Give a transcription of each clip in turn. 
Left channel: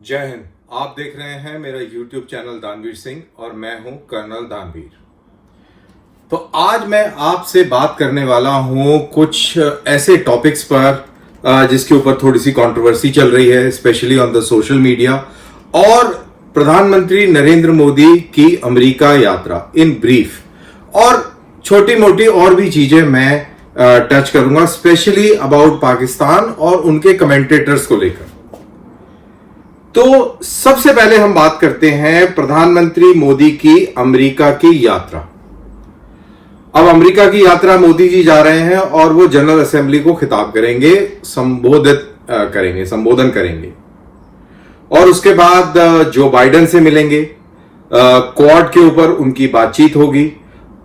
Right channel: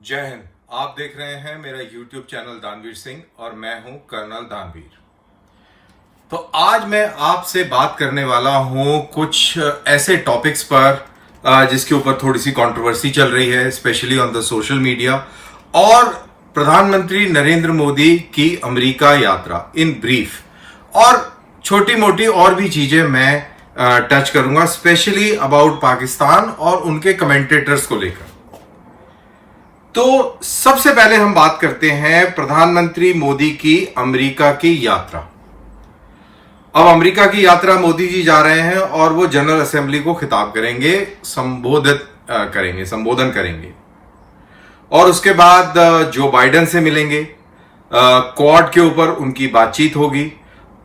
जय हिंद। आप देख रहे हैं मेरा YouTube चैनल दानवीर सिंह और मैं हूं कर्नल दानवीर। तो आज मैं आपसे बात करने वाला हूं कुछ ऐसे टॉपिक्स पर जिसके ऊपर थोड़ी सी कंट्रोवर्सी चल रही है, specially on the social media, और प्रधानमंत्री नरेंद्र मोदी की अमेरिका यात्रा इन ब्रीफ, और छोटी मोटी और भी चीजें मैं टच करूंगा, स्पेशली अबाउट पाकिस्तान और उनके कमेंटेटर्स को लेकर। तो सबसे पहले हम बात करते हैं प्रधानमंत्री मोदी की अमेरिका की यात्रा। अब अमेरिका की यात्रा मोदी जी जा रहे हैं और वो जनरल असेंबली को खिताब करेंगे, संबोधन करेंगे, और उसके बाद जो बाइडेन से मिलेंगे, क्वाड के ऊपर उनकी बातचीत होगी।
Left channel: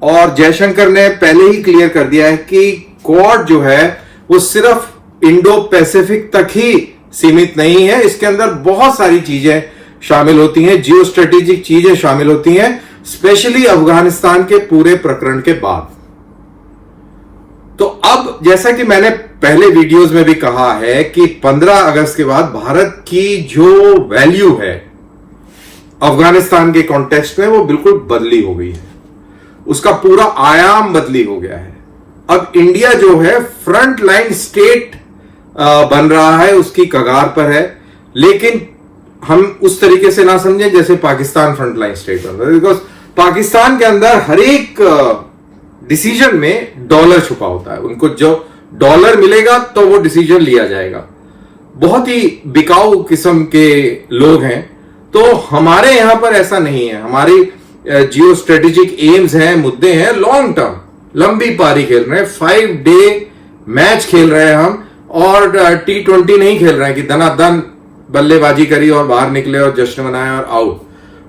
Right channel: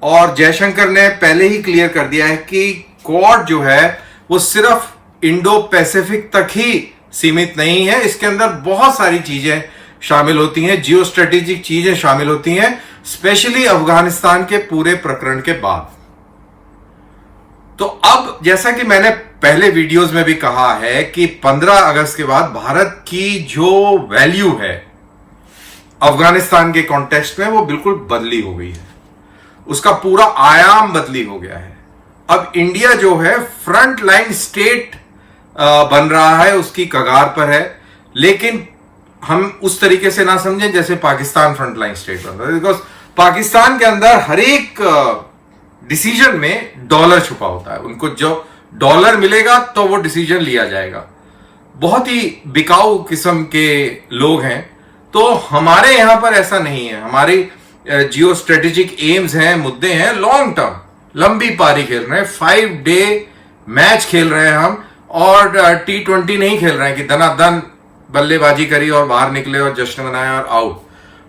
और जयशंकर ने पहले ही क्लियर कर दिया है कि क्वाड जो है वो सिर्फ इंडो पैसिफिक तक ही सीमित नहीं है, इसके अंदर बहुत सारी चीजें शामिल होती हैं, जियो स्ट्रेटेजिक चीजें शामिल होती हैं, स्पेशली अफगानिस्तान के पूरे प्रकरण के बाद। तो अब जैसा कि मैंने पहले वीडियोस में भी कहा है कि 15 अगस्त के बाद भारत की जो वैल्यू है अफगानिस्तान के कॉन्टेक्स्ट में वो बिल्कुल बदली हो गई है, उसका पूरा आयाम बदली हो गया है। अब इंडिया जो है फ्रंट लाइन स्टेट बन रहा है, उसकी कगार पर है, लेकिन हम उस तरीके से ना समझें जैसे पाकिस्तान फ्रंट लाइन स्टेट बन रहा है, बिकॉज पाकिस्तान के अंदर हर एक डिसीजन में डॉलर छुपा होता है। उनको जो डॉलर मिलेगा तो वो डिसीजन लिया जाएगा। बहुत ही बिकाऊ किस्म के लोग हैं। तो हमारे यहां पर ऐसा नहीं है। हमारी जियो स्ट्रेटेजिक एम्स हैं, मुद्दे हैं, लॉन्ग टर्म, लंबी पारी खेल रहे हैं, 5 डे मैच खेल रहे हैं हम, और T20 नहीं खेल रहे हैं कि धनाधन बल्लेबाजी करी और बाहर निकले और जश्न मनाए और आउट।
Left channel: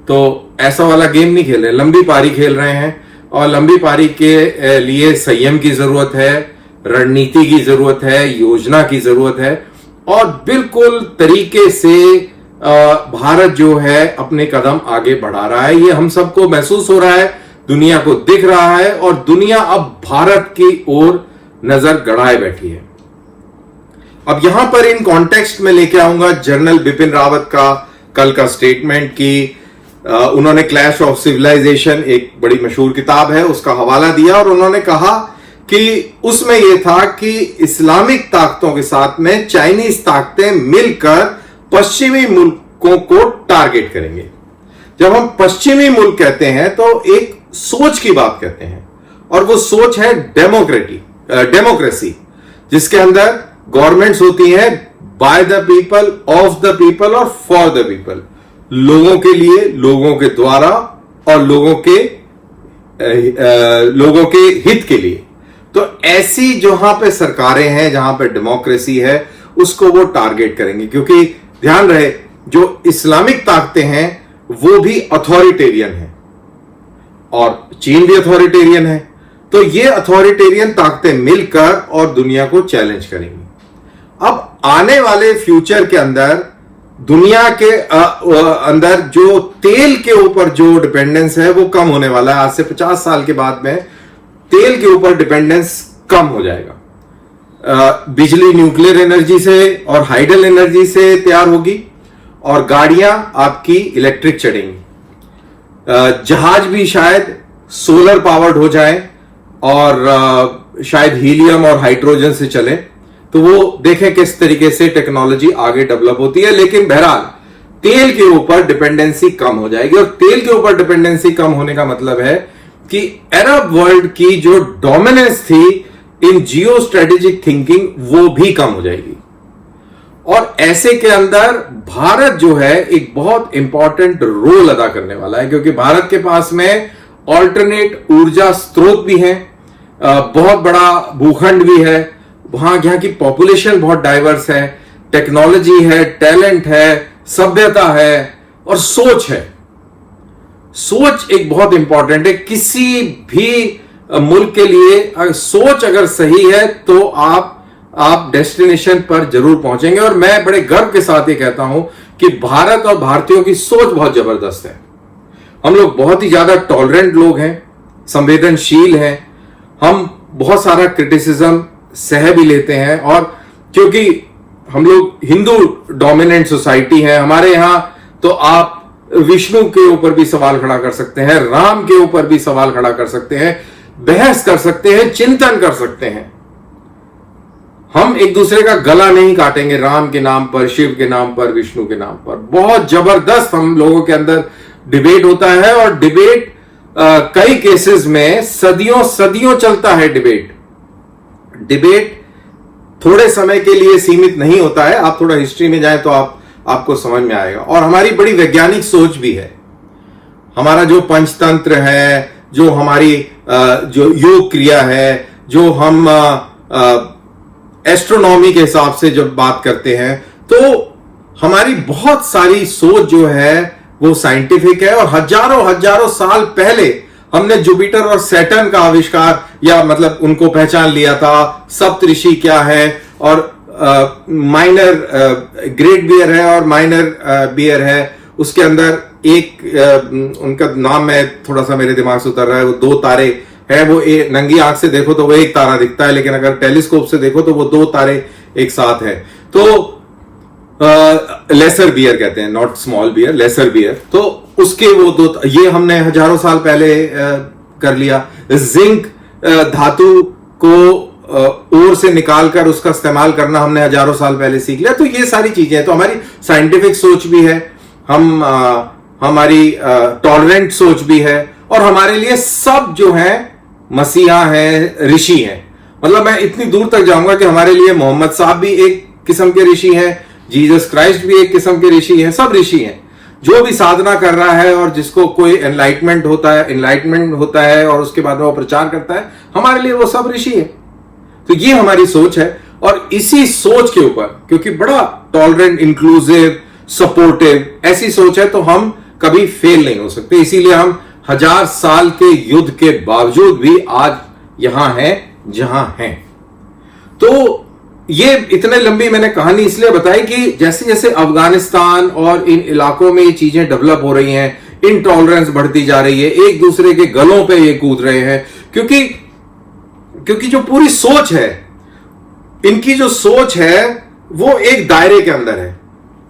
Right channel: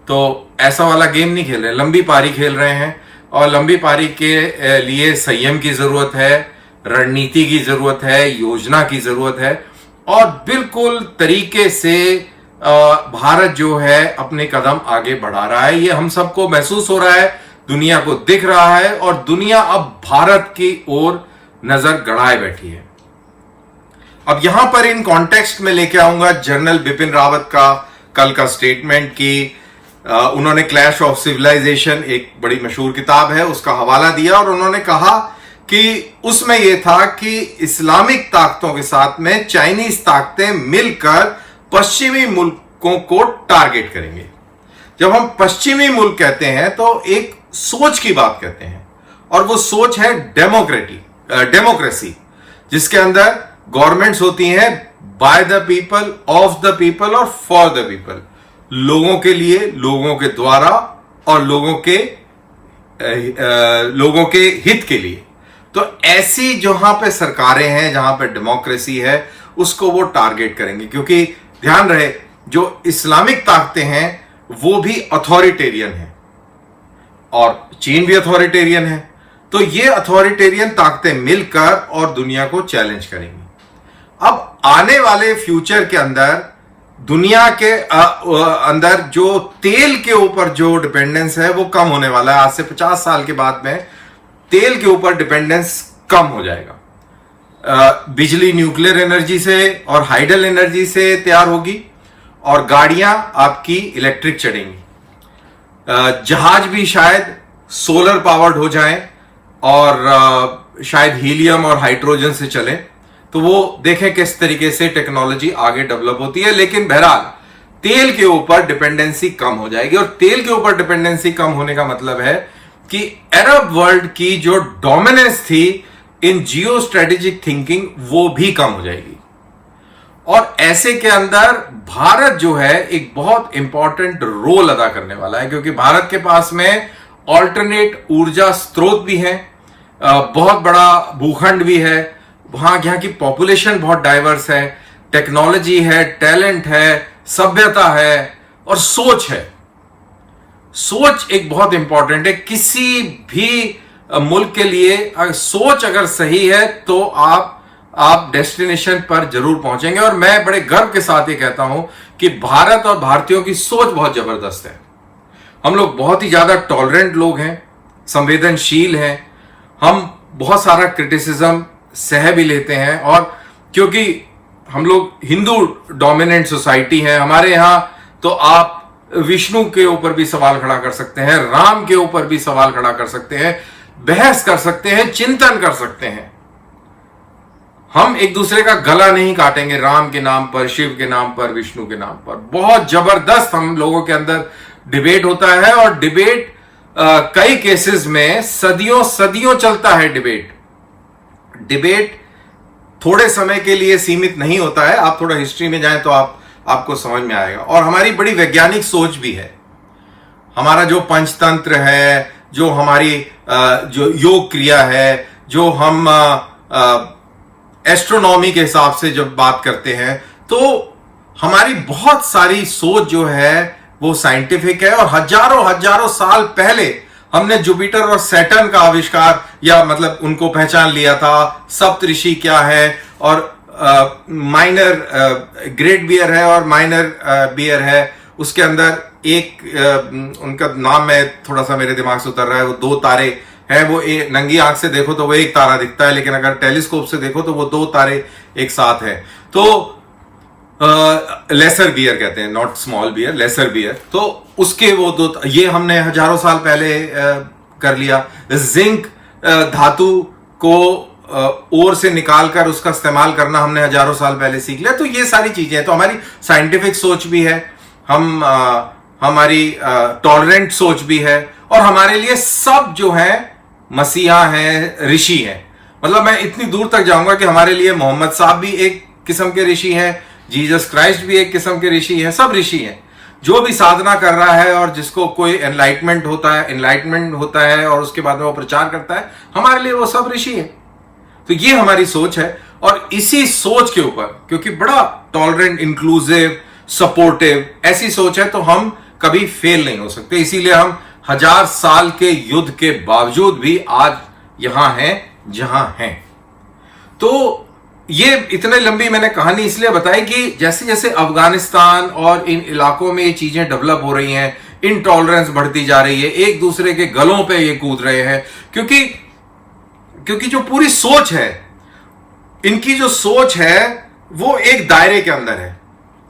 तो ऐसा वाला गेम नहीं खेल रहे, लंबी पारी खेल रहे हैं, और लंबी पारी के लिए संयम की जरूरत है, रणनीति की जरूरत है, योजना की जरूरत है, और बिल्कुल तरीके से भारत जो है अपने कदम आगे बढ़ा रहा है। ये हम सबको महसूस हो रहा है, दुनिया को दिख रहा है, और दुनिया अब भारत की ओर नजर गड़ाए बैठी है। अब यहां पर इन कॉन्टेक्स्ट में लेके आऊंगा जनरल बिपिन रावत का कल का स्टेटमेंट की उन्होंने क्लैश ऑफ सिविलाइजेशन, एक बड़ी मशहूर किताब है, उसका हवाला दिया, और उन्होंने कहा कि उसमें यह था कि इस्लामिक ताकतों के साथ में चाइनीज ताकतें मिलकर पश्चिमी मुल्कों को टारगेट करेंगे। जब हम पश्चिमी मुल्क कहते हैं तो एक सोच की बात कहते हैं, और वो सोच है डेमोक्रेसी, जिसके अंदर गवर्नमेंट्स होती हैं by the people, of the people और फॉर द पीपल, लोगों के लिए, लोगों के द्वारा, और लोगों के हित के लिए। तो ऐसी जहां पे सरकारें हैं, जहां पे डेमोक्रेसी है, उसको वो टारगेट करेंगे। क्योंकि ध्यान रहे, जो इस्लामिक ताकतें हैं वो भी अथॉरिटेरियन हैं, और चीन भी अथॉरिटेरियन है। तो ये अथॉरिटेरियन ताकतें मिलकर और दुनिया को चैलेंज करेंगी। अब आने वाले फ्यूचर के अंदर दुनिया के अंदर जो तेल के ऊपर जो डिपेंडेंस है वो कम होने वाला है। आज से 50 साल के बाद में तेल के ऊपर डिपेंडेंस कम हो जाएगा। बिजली न्यूक्लियर एनर्जी से और हाइडल एनर्जी से तैयार होगी, और गाड़ियां आपकी इलेक्ट्रिक चलेंगी। जहाज भी शायद सोलर पावर्ड हो जाए, और शायद हीलियम और हाइड्रोजन से चले। तो वो देखें किस तरीके से टेक्नोलॉजी आगे डेवलप होती है। लेकिन बहरहाल तेल के ऊपर डिपेंडेंसी कम हो जाएगी, और तेल के ऊपर डिपेंडेंसी कम होने का मतलब है कि अरब वर्ल्ड की जो डोमिनेंस थी इन जियो स्ट्रेटेजिक थिंकिंग वो भी कम हो जाएगी। और ऐसे के अंदर भारत जो है एक बहुत इंपॉर्टेंट रोल अदा करने वाला है, क्योंकि भारत के पास में ऑल्टरनेट ऊर्जा स्रोत भी हैं, बहुत बड़ा भूखंड भी है, वहां यहाँ की पॉपुलेशन बहुत डाइवर्स है, टेक्नोलॉजी है, टैलेंट है, सभ्यता है, और सोच है। सोच एक बहुत इंपॉर्टेंट है किसी भी मुल्क के लिए। सोच अगर सही है तो आप डेस्टिनेशन पर जरूर पहुंचेंगे। और मैं बड़े गर्व के साथ ये कहता हूं कि भारत और भारतीयों की सोच बहुत जबरदस्त है। हम लोग बहुत ही ज्यादा टॉलरेंट लोग हैं, संवेदनशील हैं, हम बहुत सारा क्रिटिसिज्म सह भी लेते हैं, और क्योंकि हम लोग हिंदू डोमिनेंट सोसाइटी है, हमारे यहां तो आप विष्णु के ऊपर भी सवाल खड़ा कर सकते हैं, राम के ऊपर भी सवाल खड़ा कर सकते हैं, बहस कर सकते हैं, चिंतन कर सकते हैं। हम एक दूसरे का गला नहीं काटेंगे राम के नाम पर, शिव के नाम पर, विष्णु के नाम पर। बहुत जबरदस्त हम लोगों के अंदर डिबेट होता है, और डिबेट कई केसेस में सदियों सदियों चलता है। डिबेट थोड़े समय के लिए सीमित नहीं होता है। आप थोड़ा हिस्ट्री में जाएं तो आपको समझ में आएगा। और हमारी बड़ी वैज्ञानिक सोच भी है। हमारा जो पंचतंत्र है, जो हमारी जो योग क्रिया है, जो हम एस्ट्रोनॉमी के हिसाब से जब बात करते हैं, तो हमारी बहुत सारी सोच जो है वो साइंटिफिक है। और हजारों हजारों साल पहले हमने जुपिटर और सैटर्न का आविष्कार, या मतलब उनको पहचान लिया था। सप्तऋषि क्या है, और माइनर ग्रेट बियर है और माइनर बियर है। उसके अंदर एक उनका नाम है, थोड़ा सा मेरे दिमाग से उतर रहा है। वो 2 तारे है, वो नंगी आंख से देखो तो वो एक तारा दिखता है, लेकिन अगर टेलीस्कोप से देखो तो वो 2 तारे एक साथ है। तो लेसर बियर कहते हैं, not small beer, lesser beer. तो उसके वो 2, ये हमने हजारों साल पहले कर लिया। जिंक धातु को ओर से निकालकर उसका इस्तेमाल करना हमने हजारों साल पहले सीख लिया। तो ये सारी चीजें हैं। तो हमारी साइंटिफिक सोच भी है, हमारी टॉलरेंट सोच भी है, और हमारे लिए सब जो है मसीहा है, ऋषि हैं। मतलब मैं इतनी दूर तक जाऊंगा कि हमारे लिए मोहम्मद साहब भी एक किस्म के ऋषि हैं, जीसस क्राइस्ट भी एक किस्म के ऋषि हैं, सब ऋषि हैं। जो भी साधना कर रहा है और जिसको कोई एनलाइटमेंट होता है और उसके बाद में वो प्रचार करता है, हमारे लिए वो सब ऋषि है। तो ये हमारी सोच है, और इसी सोच के ऊपर, क्योंकि बड़ा टॉलरेंट, इंक्लूसिव, सपोर्टिव ऐसी सोच है, तो हम कभी फेल नहीं हो सकते। इसीलिए हम 1000 साल के युद्ध के बावजूद भी आज यहां हैं जहां हैं। तो ये इतनी लंबी मैंने कहानी इसलिए बताई कि जैसे जैसे अफगानिस्तान और इन इलाकों में ये चीजें डेवलप हो रही हैं, इनटॉलरेंस बढ़ती जा रही है, एक दूसरे के गलों पे ये कूद रहे हैं, क्योंकि जो पूरी सोच है, इनकी जो सोच है वो एक दायरे के अंदर है।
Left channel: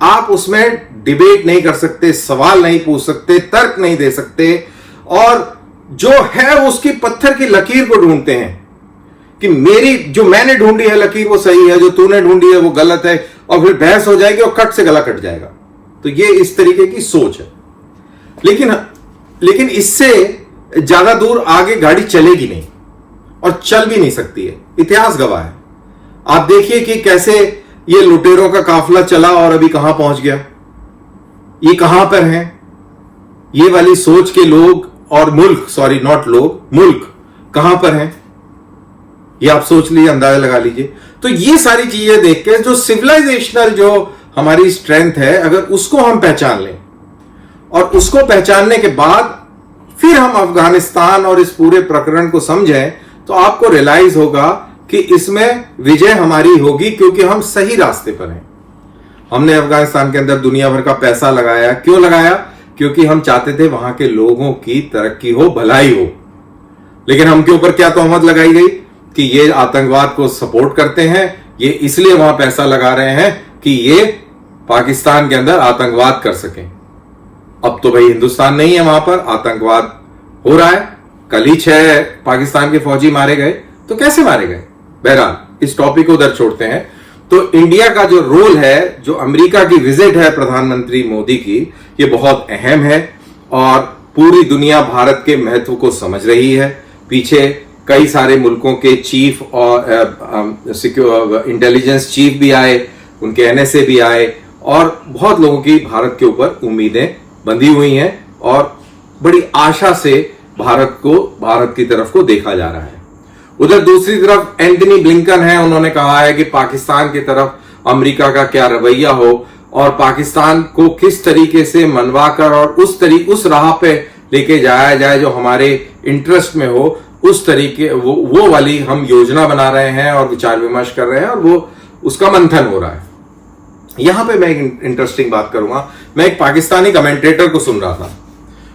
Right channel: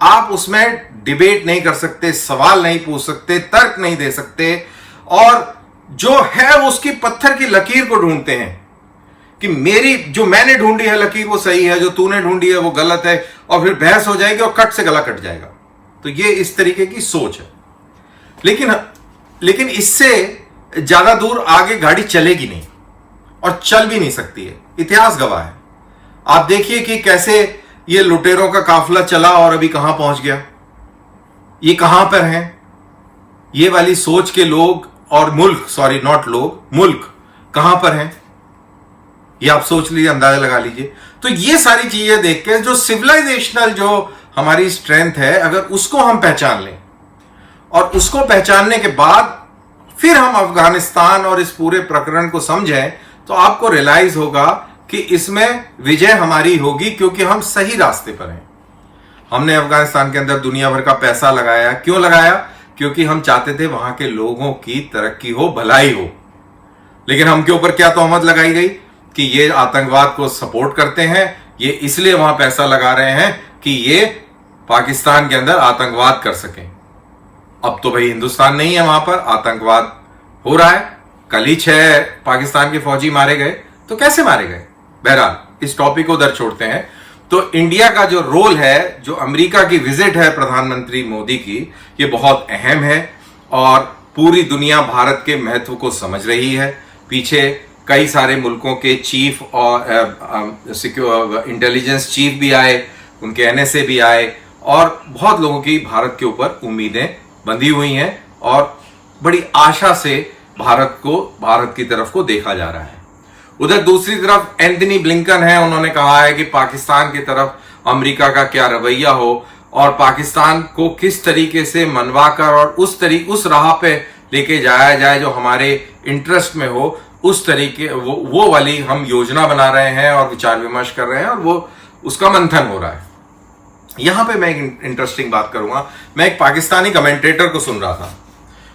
आप उसमें डिबेट नहीं कर सकते, सवाल नहीं पूछ सकते, तर्क नहीं दे सकते, और जो है उसकी पत्थर की लकीर को ढूंढते हैं कि जो मैंने ढूंढी है लकीर वो सही है, जो तूने ढूंढी है वो गलत है, और फिर बहस हो जाएगी और कट से गला कट जाएगा। तो ये इस तरीके की सोच है। लेकिन इससे ज्यादा दूर आगे गाड़ी चलेगी नहीं, और चल भी नहीं सकती है। इतिहास गवाह है। आप देखिए कि कैसे ये लुटेरों का काफिला चला और अभी कहां पहुंच गया। ये कहां पर हैं ये वाली सोच के लोग और मुल्क, सॉरी नॉट लोग, मुल्क कहां पर हैं, ये आप सोच लीजिए, अंदाजा लगा लीजिए। तो ये सारी चीजें देख के जो सिविलाइजेशनल जो हमारी स्ट्रेंथ है, अगर उसको हम पहचान लें, और उसको पहचानने के बाद फिर हम अफगानिस्तान और इस पूरे प्रकरण को समझें, तो आपको रियलाइज होगा कि इसमें विजय हमारी होगी, क्योंकि हम सही रास्ते पर हैं। हमने अफगानिस्तान के अंदर दुनिया भर का पैसा लगाया। क्यों लगाया? क्योंकि हम चाहते थे वहां के लोगों की तरक्की हो, भलाई हो। लेकिन हम के ऊपर क्या तोहमत लगाई गई कि ये आतंकवाद को सपोर्ट करते हैं, ये इसलिए वहां पैसा लगा रहे हैं कि ये पाकिस्तान के अंदर आतंकवाद कर सकें। अब तो भाई हिंदुस्तान नहीं है, वहां पर आतंकवाद हो रहा है। कल ही 6 पाकिस्तान के फौजी मारे गए, तो कैसे मारे गए? बहरहाल इस टॉपिक को उधर छोड़ते हैं। तो इंडिया का जो रोल है, जो अमेरिका की विजिट है प्रधानमंत्री मोदी की, ये बहुत अहम है, और पूरी दुनिया भारत के महत्व को समझ रही है। पीछे कई सारे मुल्कों के चीफ और इंटेलिजेंस चीफ भी आए, उनके एनएसए भी आए, और बहुत लोगों की भारत के ऊपर उम्मीदें बंधी हुई हैं, और बड़ी आशा से भारत की तरफ को देखा जा रहा है। उधर दूसरी तरफ एंटनी ब्लिंकन है, उन्होंने कहा है कि पाकिस्तान की तरफ अमेरिका का क्या रवैया हो, और पाकिस्तान को किस तरीके से मनवाकर और उस राह पे लेके जाया जाए जो हमारे इंटरेस्ट में हो, उस तरीके वो वाली हम योजना बना रहे हैं और विचार विमर्श कर रहे हैं, और वो उसका मंथन हो रहा है। यहां पे मैं एक इंटरेस्टिंग बात करूंगा। मैं एक पाकिस्तानी कमेंटेटर को सुन रहा था,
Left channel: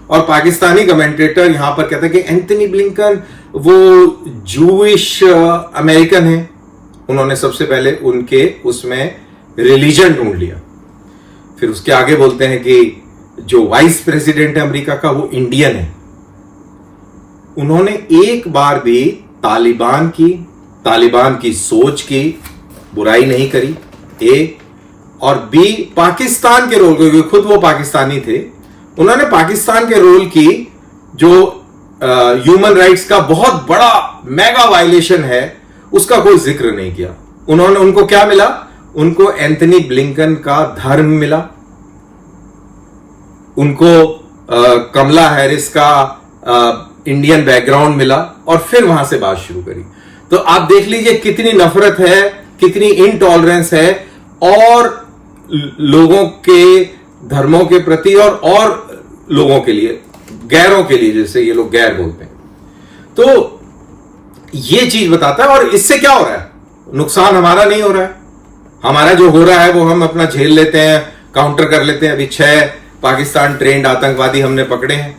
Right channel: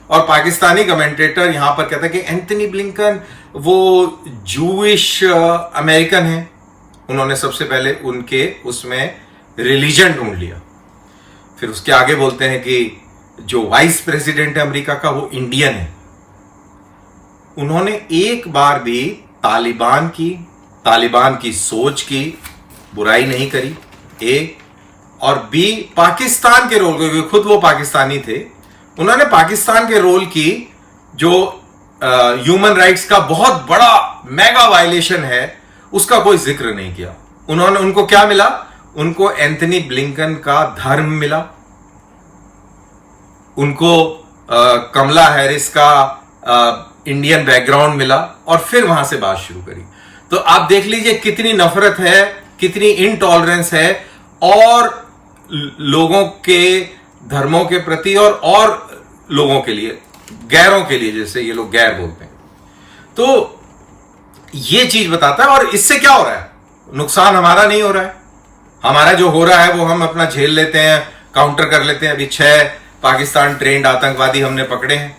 और पाकिस्तानी कमेंटेटर यहां पर कहते हैं कि एंटनी ब्लिंकन वो जूइश अमेरिकन है। उन्होंने सबसे पहले उनके उसमें रिलीजन ढूंढ लिया। फिर उसके आगे बोलते हैं कि जो वाइस प्रेसिडेंट है अमेरिका का वो इंडियन है। उन्होंने एक बार भी तालिबान की सोच की बुराई नहीं करी, ए, और बी, पाकिस्तान के रोल को, खुद वो पाकिस्तानी थे, उन्होंने पाकिस्तान के रोल की जो ह्यूमन राइट्स का बहुत बड़ा मेगा वायलेशन है उसका कोई जिक्र नहीं किया। उनको क्या मिला? उनको एंथनी ब्लिंकन का धर्म मिला, उनको कमला हैरिस का इंडियन बैकग्राउंड मिला, और फिर वहां से बात शुरू करी। तो आप देख लीजिए कितनी नफरत है, कितनी इनटॉलरेंस है, और लोगों के धर्मों के प्रति और लोगों के लिए, गैरों के लिए, जैसे ये लोग गैर बोलते हैं। तो ये चीज बताता है। और इससे क्या हो रहा है? नुकसान हमारा नहीं हो रहा है। हमारा जो हो रहा है वो हम अपना झेल लेते हैं, काउंटर कर लेते हैं। अभी 6 पाकिस्तान ट्रेंड आतंकवादी हमने पकड़े हैं,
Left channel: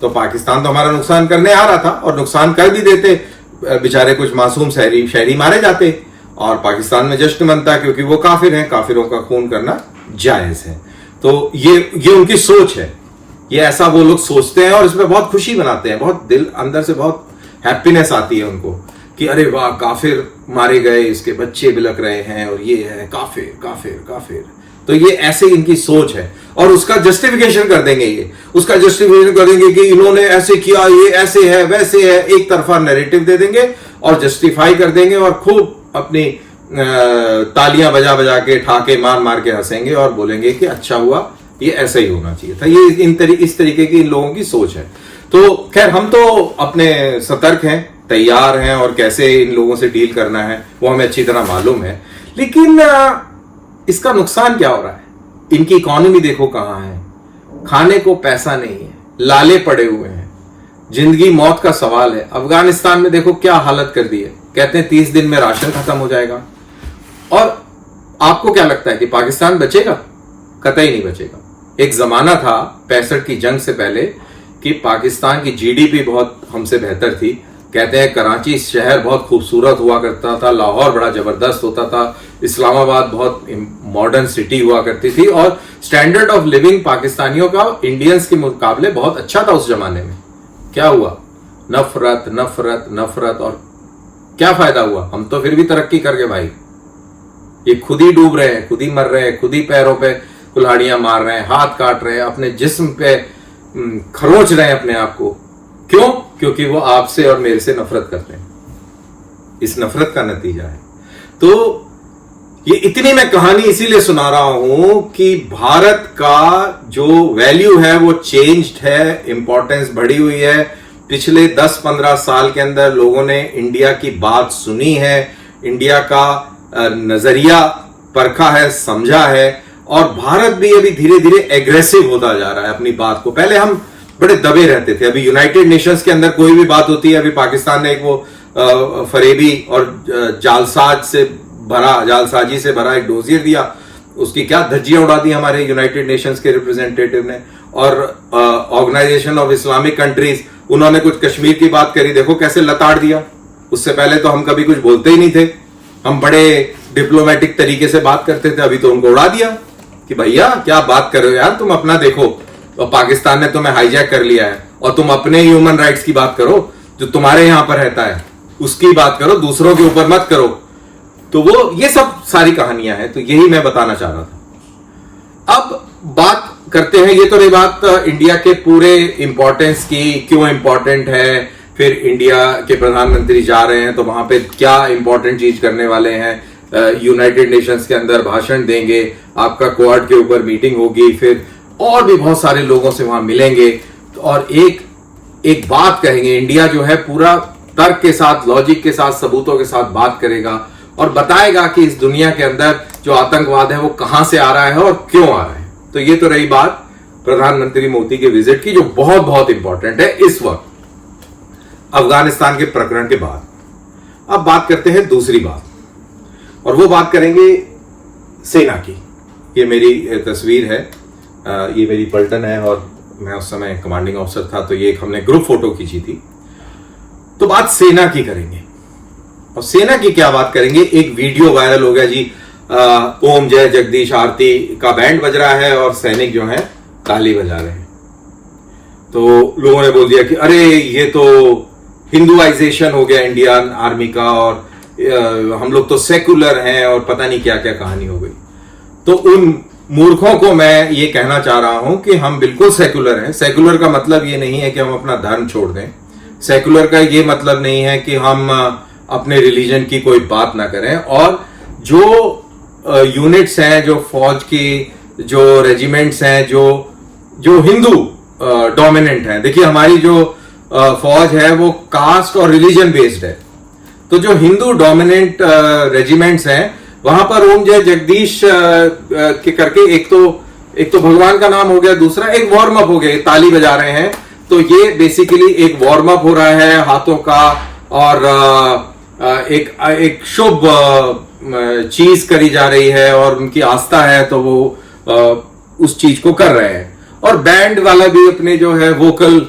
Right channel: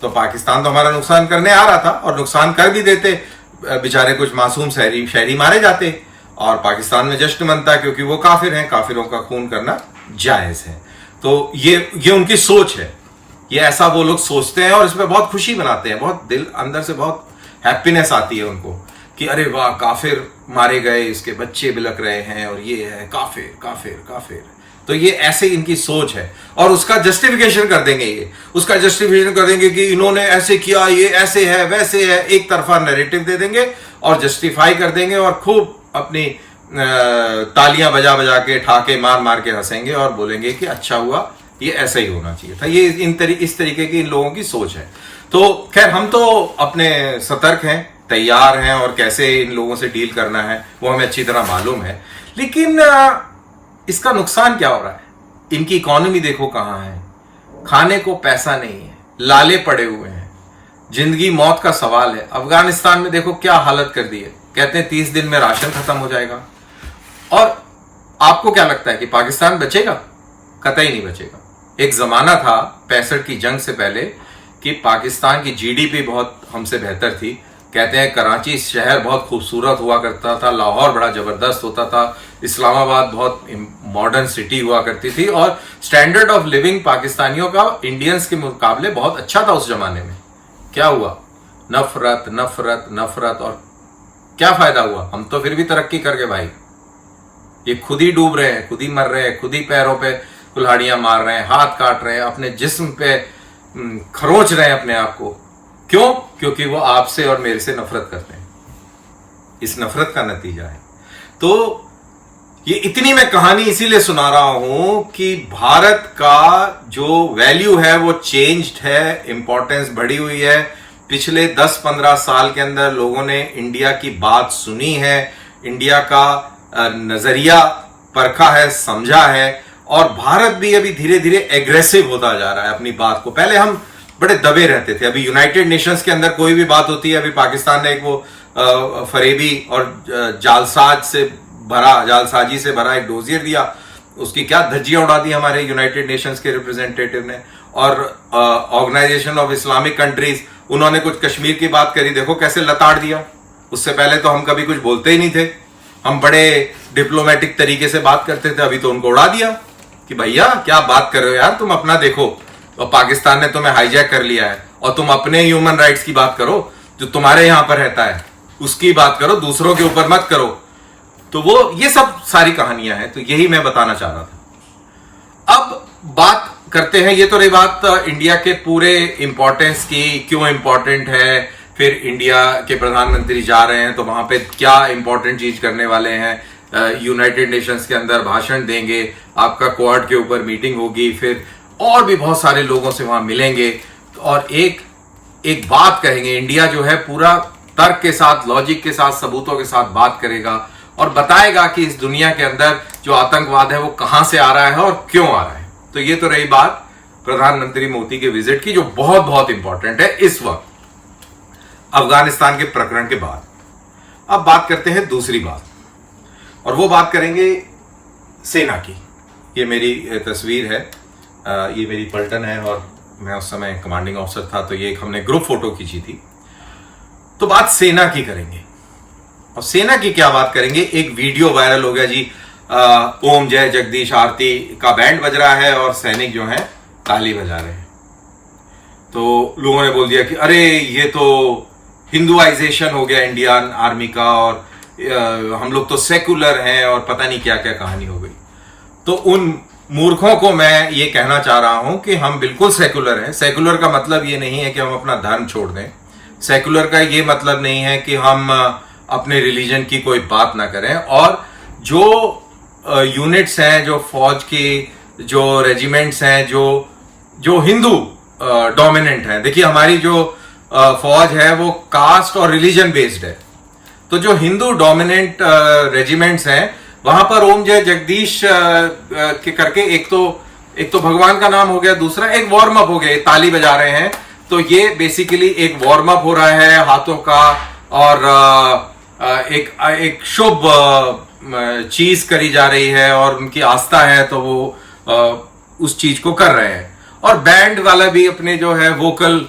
तो पाकिस्तान तो हमारा नुकसान करने आ रहा था, और नुकसान कर भी देते, बेचारे कुछ मासूम शहरी मारे जाते, और पाकिस्तान में जश्न मनता क्योंकि वो काफिर हैं, काफिरों का खून करना जायज है। तो ये उनकी सोच है, ये ऐसा वो लोग सोचते हैं और इसमें बहुत खुशी मनाते हैं, बहुत दिल अंदर से बहुत हैप्पीनेस आती है उनको कि अरे वाह, काफिर मारे गए, इसके बच्चे बिलक रहे हैं, और ये है काफिर काफिर काफिर। तो ये ऐसे इनकी सोच है, और उसका जस्टिफिकेशन कर देंगे, उसका जस्टिफिकेशन कर देंगे कि इन्होंने ऐसे किया, ये ऐसे है वैसे है, एक तरफा नैरेटिव दे देंगे और जस्टिफाई कर देंगे, और खूब अपनी तालियां बजा बजा के, ठाके मार मार के हंसेंगे और बोलेंगे कि अच्छा हुआ, ये ऐसा ही होना चाहिए था। ये इस तरीके की इन लोगों की सोच है। तो खैर, हम तो अपने सतर्क हैं, तैयार हैं, और कैसे इन लोगों से डील करना है वो हमें अच्छी तरह मालूम है। लेकिन इसका नुकसान क्या हो रहा है? इनकी इकोनॉमी देखो कहां है, खाने को पैसा नहीं है, लाले पड़े हुए हैं, जिंदगी मौत का सवाल है। अफगानिस्तान में देखो क्या हालत कर दी है, कहते हैं 30 दिन में राशन खत्म हो जाएगा। और आपको क्या लगता है कि पाकिस्तान बचेगा? कतई नहीं बचेगा। एक जमाना था 65 की जंग से पहले कि पाकिस्तान की जीडीपी बहुत हमसे बेहतर थी। कहते हैं कराची शहर बहुत खूबसूरत हुआ करता था, लाहौर बड़ा जबरदस्त होता था, इस्लामाबाद बहुत मॉडर्न सिटी हुआ करती थी, और स्टैंडर्ड ऑफ लिविंग पाकिस्तानियों का इंडियंस के मुकाबले बहुत अच्छा था उस जमाने में। क्या हुआ? नफरत नफरत नफरत, और क्या फायदा हुआ? हम तो फिर भी तरक्की कर गए भाई। ये खुद ही डूब रहे हैं, खुद ही मर रहे हैं, खुद ही पैरों पे कुल्हाड़ियां मार रहे हैं, हाथ काट रहे हैं, अपने जिस्म पे खरोच रहे हैं अपने आप को। क्यों? क्योंकि वो आपसे और मेरे से नफरत करते हैं। इस नफरत का नतीजा है। तो ये इतनी मैं कहानी इसीलिए सुना रहा हूं कि भारत का जो वैल्यू है वो चेंज्ड है, इंपॉर्टेंस बढ़ी हुई है। पिछले 10-15 साल के अंदर लोगों ने इंडिया की बात सुनी है, इंडिया का नजरिया परखा है, समझा है, और भारत भी अभी धीरे धीरे एग्रेसिव होता जा रहा है अपनी बात को। पहले हम बड़े दबे रहते थे। अभी यूनाइटेड नेशंस के अंदर कोई भी बात होती है, अभी पाकिस्तान ने एक वो फरेबी और जालसाजी से भरा एक डोजियर दिया, उसकी क्या धज्जियां उड़ा दी हमारे यूनाइटेड नेशंस के रिप्रेजेंटेटिव ने। और ऑर्गेनाइजेशन ऑफ इस्लामिक कंट्रीज, उन्होंने कुछ कश्मीर की बात करी, देखो कैसे लताड़ दिया। उससे पहले तो हम कभी कुछ बोलते ही नहीं थे, हम बड़े डिप्लोमेटिक तरीके से बात करते थे। अभी तो उनको उड़ा दिया कि भैया क्या बात कर रहे हो यार, तुम अपना देखो, और पाकिस्तान ने तुम्हें हाईजैक कर लिया है, और तुम अपने ह्यूमन राइट्स की बात करो, जो तुम्हारे यहां पर रहता है उसकी बात करो, दूसरों के ऊपर मत करो। तो वो ये सब सारी कहानियां हैं। तो यही मैं बताना चाह रहा था। अब बात करते हैं, ये तो रही बात इंडिया के पूरे इंपॉर्टेंस की, क्यों इंपॉर्टेंट है, फिर इंडिया के प्रधानमंत्री जा रहे हैं तो वहां पे क्या इंपॉर्टेंट चीज करने वाले हैं, यूनाइटेड नेशंस के अंदर भाषण देंगे, आपका क्वाड के ऊपर मीटिंग होगी, फिर और भी बहुत सारे लोगों से वहां मिलेंगे, और एक बात कहेंगे। इंडिया जो है पूरा तर्क के साथ, लॉजिक के साथ, सबूतों के साथ बात करेगा और बताएगा कि इस दुनिया के अंदर जो आतंकवाद है वो कहां से आ रहा है और क्यों आ रहा है। तो ये तो रही बात प्रधानमंत्री मोदी के विजिट की, जो बहुत बहुत इंपॉर्टेंट है इस वक्त अफगानिस्तान के प्रकरण के बाद। अब बात करते हैं दूसरी बात, और वो बात करेंगे सेना की। ये मेरी तस्वीर है, ये मेरी पलटन है, और मैं उस समय कमांडिंग ऑफिसर था, तो ये एक हमने ग्रुप फोटो खींची थी। तो बात सेना की करेंगे, और सेना की क्या बात करेंगे। एक वीडियो वायरल हो गया जी, ओम जय जगदीश आरती का बैंड बज रहा है और सैनिक जो है ताली बजा रहे हैं। तो लोगों ने बोल दिया कि अरे ये तो हिंदुआइजेशन हो गया इंडियन आर्मी का, और हम लोग तो सेकुलर हैं, और पता नहीं क्या क्या कहानी हो गई। तो उन मूर्खों को मैं ये कहना चाह रहा हूं कि हम बिल्कुल सेकुलर हैं। सेकुलर का मतलब ये नहीं है कि हम अपना धर्म छोड़ दें। सेकुलर का ये मतलब नहीं है कि हम अपने रिलीजन की कोई बात ना करें। और जो यूनिट्स हैं, जो फौज की जो रेजिमेंट्स हैं, जो हिंदू डोमिनेंट हैं, देखिए हमारी जो फौज है वो कास्ट और रिलीजन बेस्ड है। तो जो हिंदू डोमिनेंट रेजिमेंट्स हैं वहां पर ओम जय जगदीश के करके एक तो भगवान का नाम हो गया, दूसरा एक वार्म अप हो गया, ताली बजा रहे हैं। तो ये बेसिकली एक वार्म अप हो रहा है हाथों का, और एक शुभ चीज करी जा रही है और उनकी आस्था है तो वो उस चीज को कर रहे हैं। और बैंड वाला भी अपने जो है वोकल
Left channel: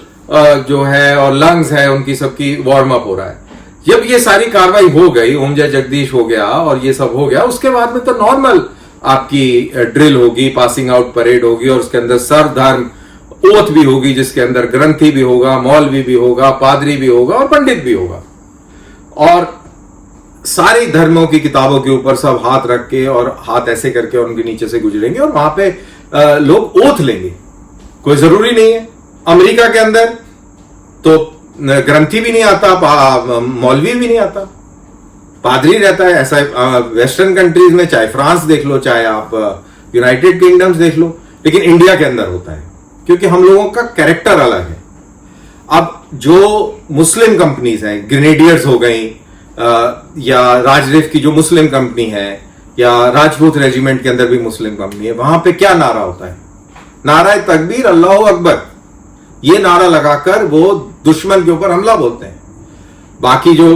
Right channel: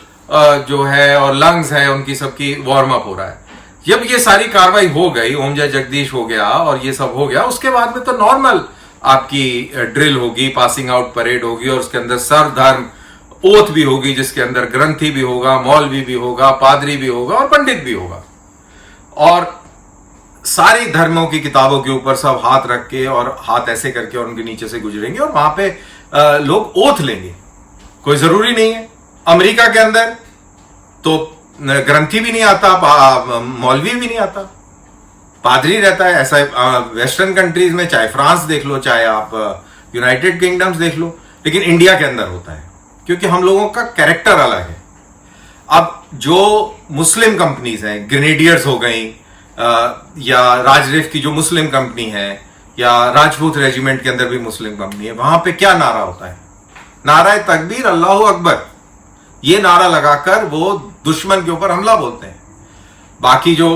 जो है और लंग्स है उनकी सबकी वार्म अप हो रहा है। जब ये सारी कार्रवाई हो गई, ओम जय जगदीश हो गया और ये सब हो गया, उसके बाद में तो नॉर्मल आपकी ड्रिल होगी, पासिंग आउट परेड होगी, और उसके अंदर सर्वधर्म ओथ भी होगी, जिसके अंदर ग्रंथी भी होगा, मौलवी भी होगा, पादरी भी होगा और पंडित भी होगा। और सारी धर्मों की किताबों के ऊपर सब हाथ रख के और हाथ ऐसे करके और उनके नीचे से गुजरेंगे और वहां पे लोग ओथ लेंगे। कोई जरूरी नहीं है। अमेरिका के अंदर तो ग्रंथी भी नहीं आता, मौलवी भी नहीं आता, पादरी रहता है। ऐसा वेस्टर्न कंट्रीज में, चाहे फ्रांस देख लो, चाहे आप यूनाइटेड किंगडम्स देख लो, लेकिन इंडिया के अंदर होता है क्योंकि हम लोगों का कैरेक्टर अलग है। अब जो मुस्लिम कंपनीज हैं, ग्रेनेडियर्स हो गई, या राजरिफ की जो मुस्लिम कंपनी है, या राजपूत रेजिमेंट के अंदर भी मुस्लिम कंपनी है, वहां पे क्या नारा होता है? नारा तकबीर, अल्लाह अकबर। ये नारा लगाकर वो दुश्मन के ऊपर हमला बोलते हैं। बाकी जो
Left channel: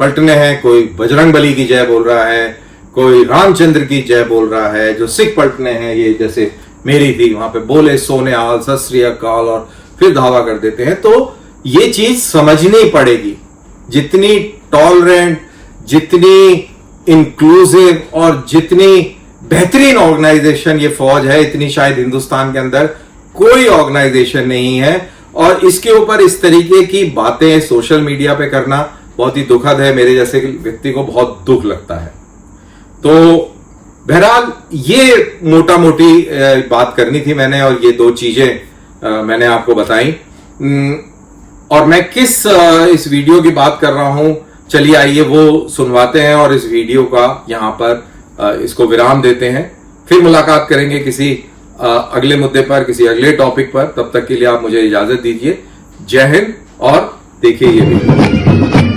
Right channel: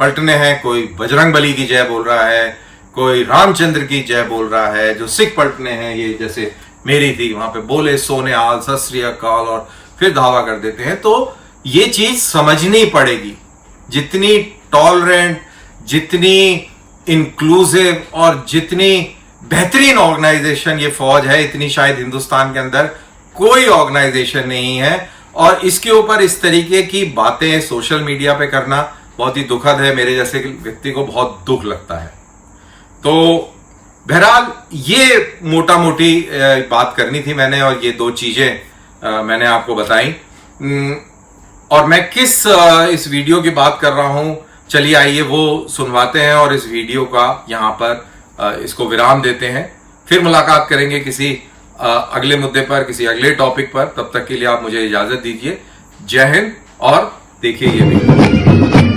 पलटने हैं, कोई बजरंग बली की जय बोल रहा है, कोई रामचंद्र की जय बोल रहा है। जो सिख पलटने हैं, ये जैसे मेरी थी, वहां पे बोले सोने आल, सत श्री अकाल, और फिर धावा कर देते हैं। तो ये चीज समझनी पड़ेगी। जितनी टॉलरेंट, जितनी इंक्लूसिव और जितनी बेहतरीन ऑर्गेनाइजेशन ये फौज है, इतनी शायद हिंदुस्तान के अंदर कोई ऑर्गेनाइजेशन नहीं है। और इसके ऊपर इस तरीके की बातें सोशल मीडिया पे करना बहुत ही दुखद है। मेरे जैसे व्यक्ति को बहुत दुख लगता है। तो बहरहाल ये मोटा मोटी बात करनी थी मैंने, और ये दो चीजें मैंने आपको बताई। और मैं किस इस वीडियो की बात कर रहा हूं, चलिए आइए वो सुनवाते हैं और इस वीडियो का यहां पर इसको विराम देते हैं। फिर मुलाकात करेंगे किसी अगले मुद्दे पर, किसी अगले टॉपिक पर। तब तक के लिए आप मुझे इजाजत दीजिए। जय हिंद और देखिए ये वीडियो।